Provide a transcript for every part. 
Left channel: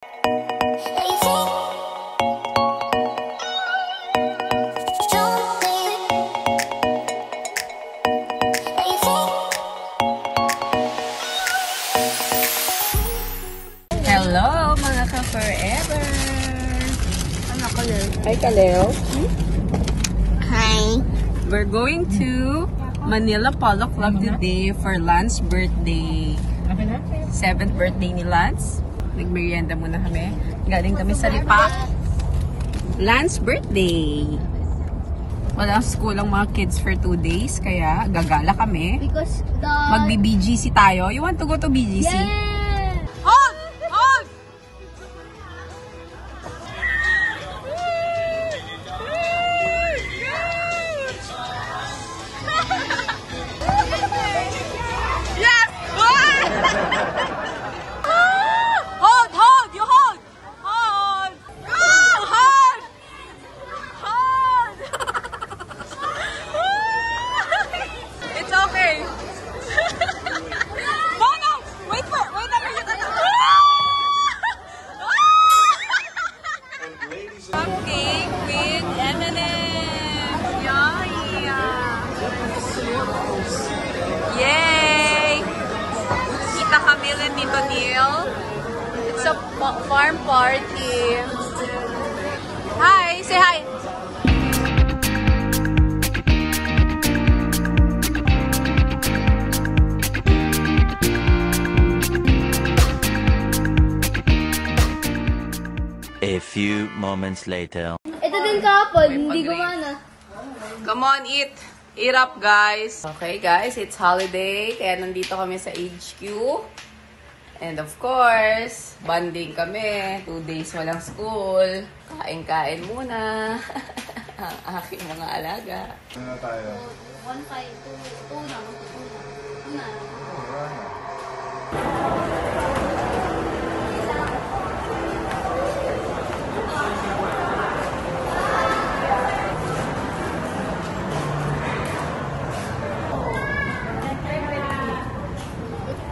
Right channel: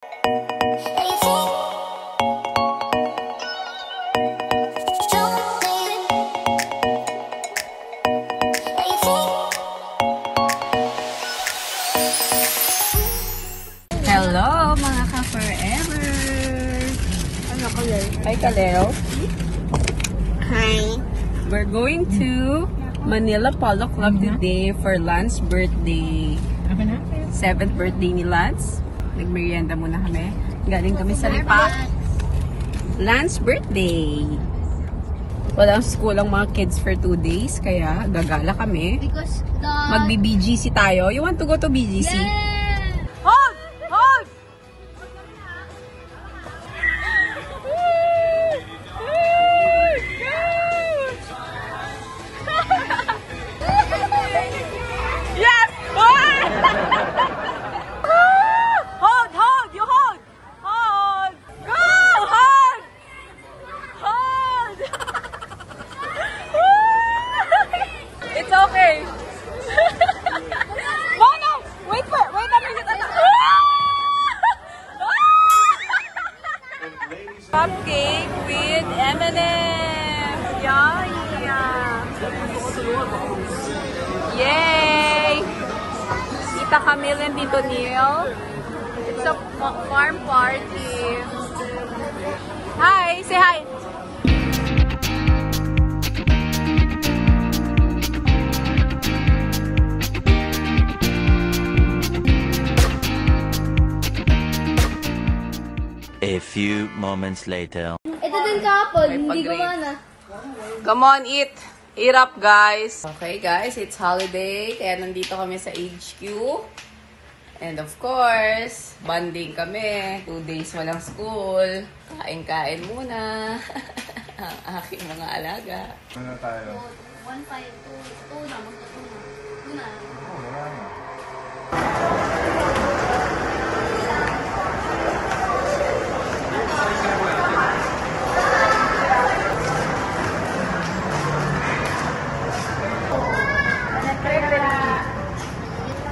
Hello mga ka-forever! Hi! We're going to Manila Polo Club today for Lance birthday. 7th birthday ni Lance. Nagmerienda muna kami. Galing kami sa Lipa. Lance birthday. Walang school ang mga kids for 2 days. Kaya gagala kami. Magbi-BGC tayo. You want to go to BGC? Yeah! Hold! Hold! Yes! Hold! Hold! You hold! Hold! Go! Hold! Hold! It's okay. No, no! Wait po! Wait natin kita na! Cupcake with M&M's! Yeah! Yay! Kita Camille and Tito Neil. It's a farm party. Hi! Say hi! A few moments later. Ito din kahapon, May hindi pag-grade. gumana. Come on, eat! Eat up, guys! Okay, guys, it's holiday. Kaya nandito kami sa HQ. And of course, bonding kami. 2 days walang school. Kain-kain muna. Ang aking mga alaga. Ano tayo? 1, 5, 2 na. 2 na.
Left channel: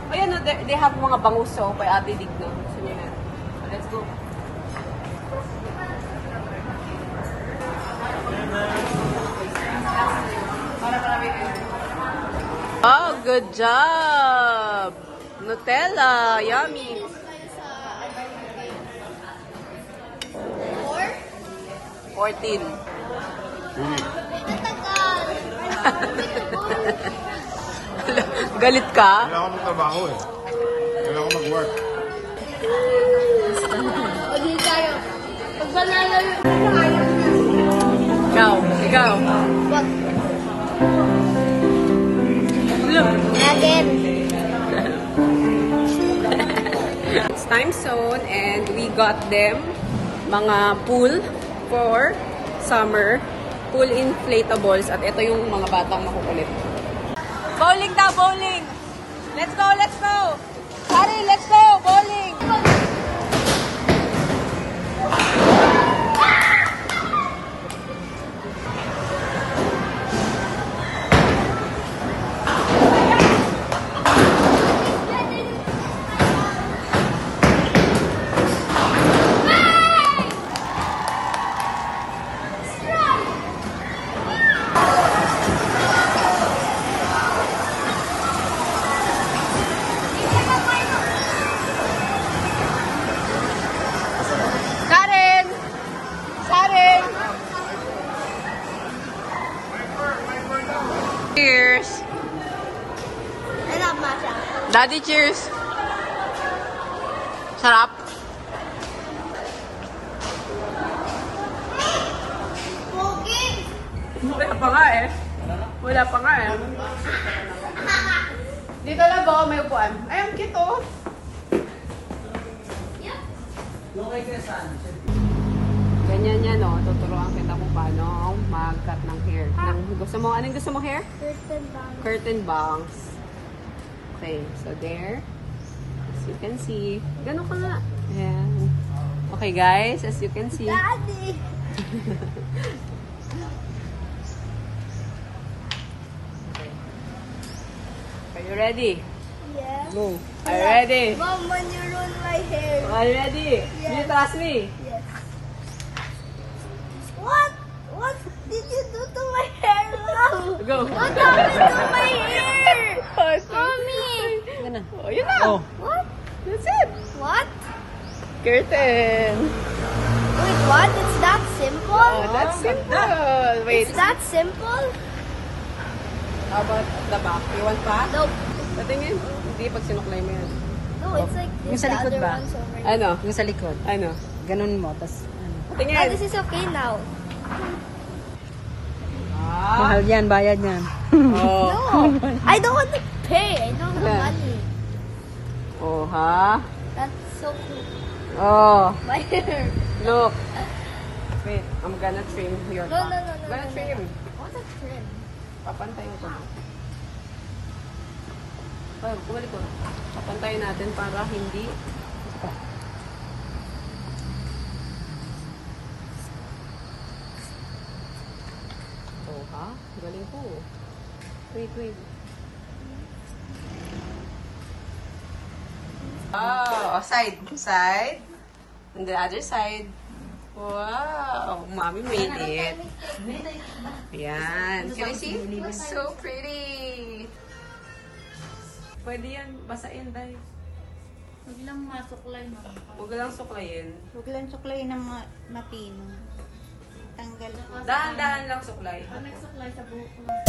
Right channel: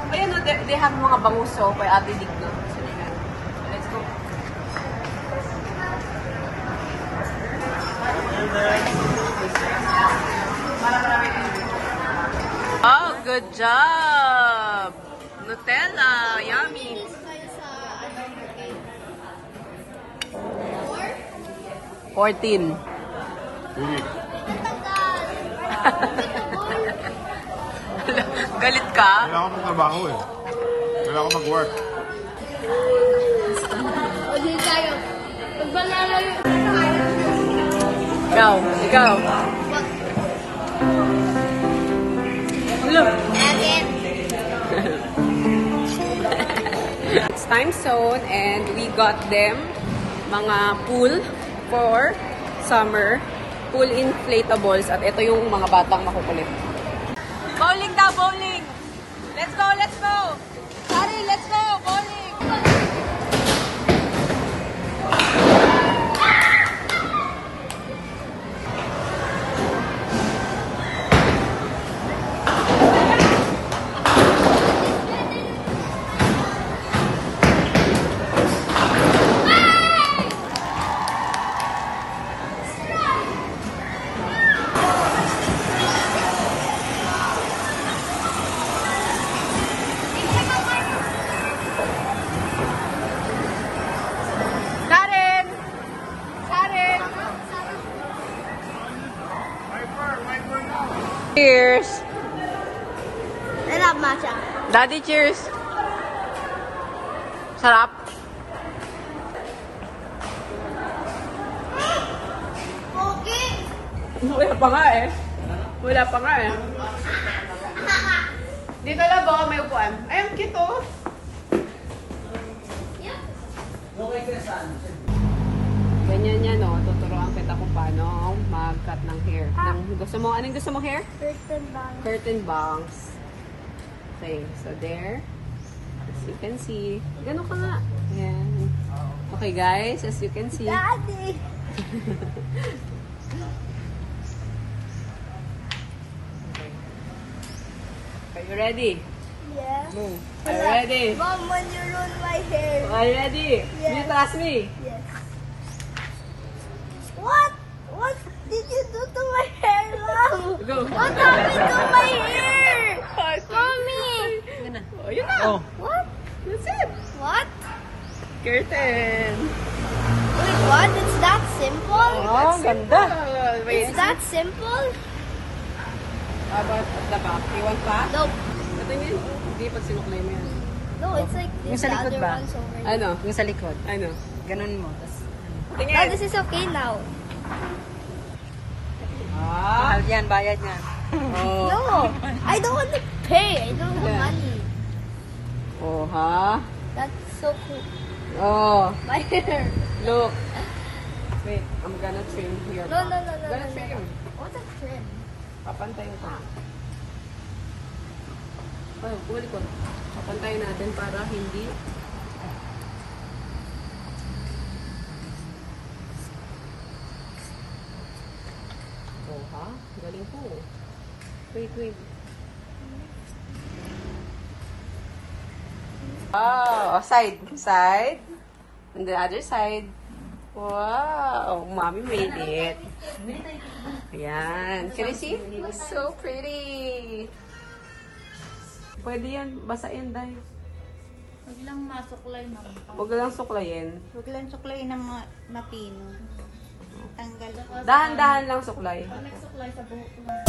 Ayan, no, they have mga bangus so for Ate Digno. So, let's go. Para marami kayo. Oh, good job! Nutella, yummy! Tayo sa ano yung 14. 2 weeks. Galit ka? Kailangan ko magtrabaho eh. Kailangan ko mag-work. O di tayo. Pag malalayo. Ikaw. Look. Natin. It's time zone and we got them mga pool for summer. Pool inflatables at ito yung mga batang makukulit. Bowling daw, bowling! Let's go, let's go! Sorry, let's go! Bowling! Karen! Karen! Cheers! Alam na siya. Daddy, cheers! Sarap! Okay. Wala pa nga eh. Wala pa nga eh. Dito lang baka may upuan. Ay, ang cute oh. Ganyan yan oh. Tuturuan kita kung paano mag-cut ng hair. Anong gusto mo hair? Curtain bang. Curtain bangs. Okay, so there. As you can see. Ganun ka nga. Ayan. Okay guys, as you can see. Daddy. Are you ready? Yeah. Go. Are you ready? Mom, when you ruin my hair. Are you ready? Yeah. Do you trust me? Yes. What? What did you do to my hair, Mom? Go. What happened to my hair? Mommy. Oh, yun na. Oh. What? That's it. What? Curtain. Wait, what? It's that simple? That's simple. Wait. It's that simple? How about at the back? You want pa? Nope. Patingin. Hindi pag sinuklay mo yan. No, it's like Yung this. sa The likod other ba? one's over here. Ano? Yung sa likod. Ano? Ganun mo, tas ano. Oh, Patingin. this is okay now. Ah. Oh, yan, bayad na Oh. No, I don't want to pay. I don't have Yeah. money. Oh, ha? That's so cool. Oh. My hair. Look. Wait, I'm gonna trim your No, no, back. no, no, Gonna no, trim. What's a trim? Papantayin ko. Ay, kumalik ko. Papantayin natin para hindi. Oh, ha? Galing po. Wait, wait. Oh, side. Side. On the other side. Wow! Mommy made it. Ayan. Can you see? It's so pretty. Pwede yan. Basain dahil. Huwag lang masuklay na. Huwag lang suklayin. Huwag lang suklay na mapino. Tanggal. Dahan-dahan lang suklay. Nagsuklay sa buhok lang.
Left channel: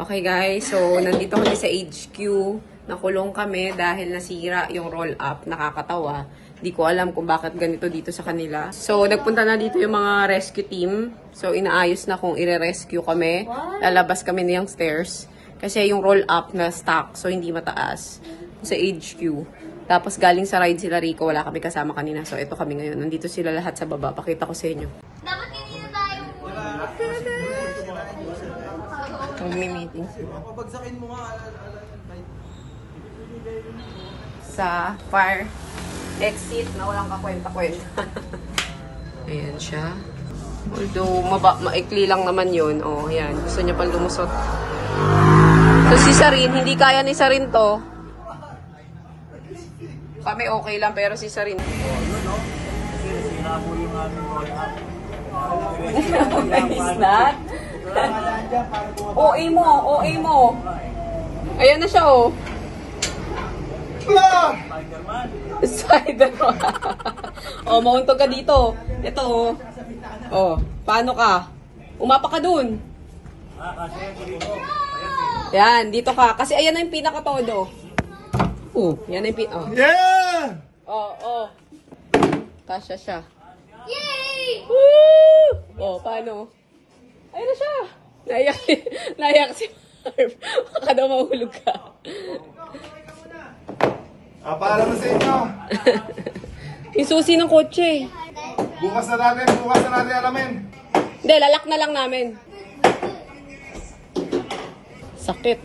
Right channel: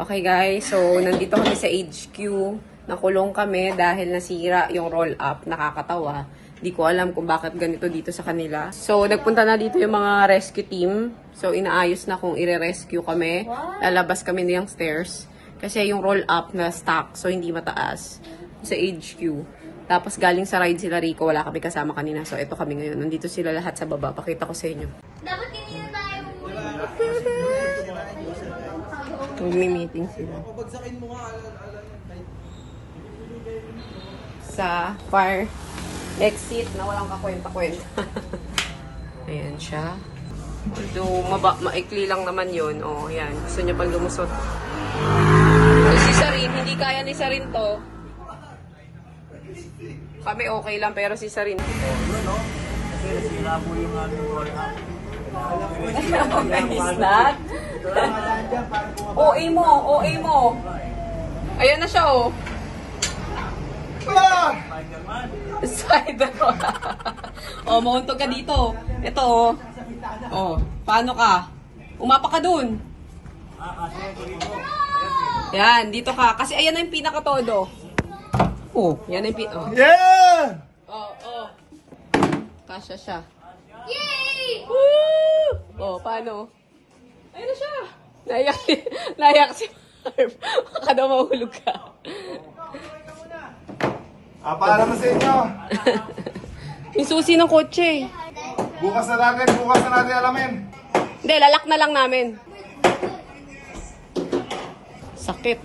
Okay guys, so nandito kami sa HQ. Nakulong kami dahil nasira yung roll-up. Nakakatawa. Di ko alam kung bakit ganito dito sa kanila. So, nagpunta na dito yung mga rescue team. So, inaayos na kung ire-rescue kami. Lalabas kami niyang stairs. Kasi yung roll-up na stuck, so hindi mataas. Sa HQ. Tapos galing sa ride sila Rico, wala kami kasama kanina. So, ito kami ngayon. Nandito sila lahat sa baba. Pakita ko sa inyo. Dapat kanina tayo. Magmi-meeting sila. Sa fire exit na walang kakwenta-kwenta. Ayan siya. Although, maikli lang naman yun. O, ayan. Gusto niya pang lumusot. So, si Sarin, hindi kaya ni Sarin to. Kami okay lang, pero si Sarin. Kasi nasira po yung aming roll-up. OA mo, OA mo. Ayan na siya, oh. Spider-Man. Oh, mahuntog ka dito. Ito, oh. Oh, paano ka? Umapa ka dun. Yan, dito ka. Kasi ayan na yung pinaka-todo. Oh, yan na yung oh. Yeah! Oh, oh. Kasya siya. Yay! Woo! Oh, paano? Ayun na siya. Naiyak si Marv. Baka daw mahulog ka. Paalam na sa inyo. Yung susi ng kotse. Bukas na natin alamin. Hindi, lalak na lang namin. Sakit.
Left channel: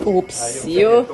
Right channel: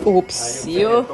Oops, yo.